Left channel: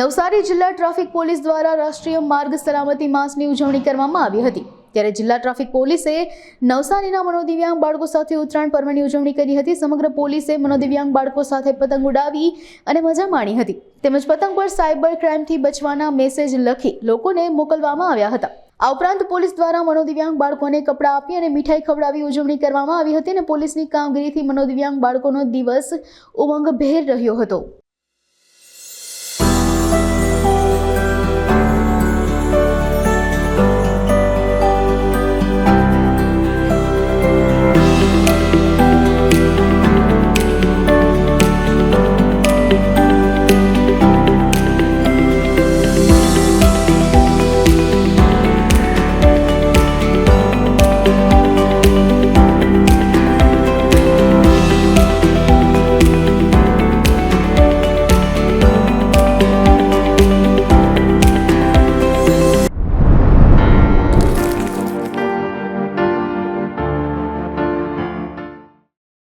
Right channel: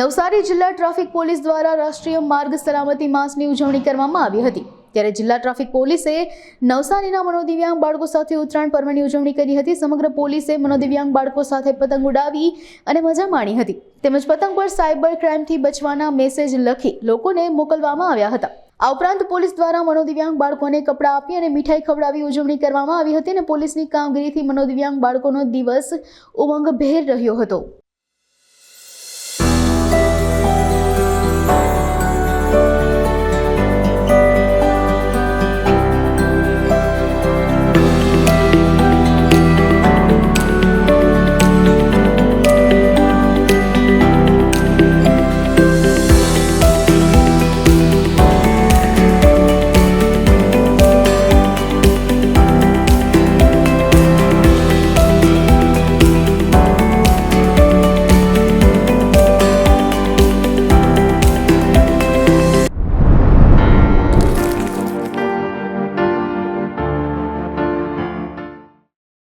નવસારી જિલ્લા traffic police દ્વારા રાષ્ટ્રીય માર્ગ સલામતી માસની ઉજવણી કરવામાં આવી હતી। ત્યારે જિલ્લા ટ્રાફિક પોલીસે નવસારીના મનોદિવ્યાંગ બાળકો સાથે ઉત્તરાયણ પર્વની ઉજવણી કરી હતી। સમગ્ર પોલીસે મનોદિવ્યાંગ બાળકો સાથે પતંગ ઉડાવી અને મજા માણી હતી। તેમજ પતંગ પર સાયબર ક્રાઇમથી બચવાના મેસેજ લખી લોકોને મોકલવામાં આવ્યા હતા। આ ઉપરાંત પોલીસ દ્વારા મનોદિવ્યાંગ બાળકોને કપડાં આપી અને મીઠાઈ ખવડાવી ઉજવણી કરવામાં આવી હતી અને પોલીસની કામગીરીથી મનોદિવ્યાંગ બાળકોનો દિવસ ઉમંગભેર રહ્યો હતો।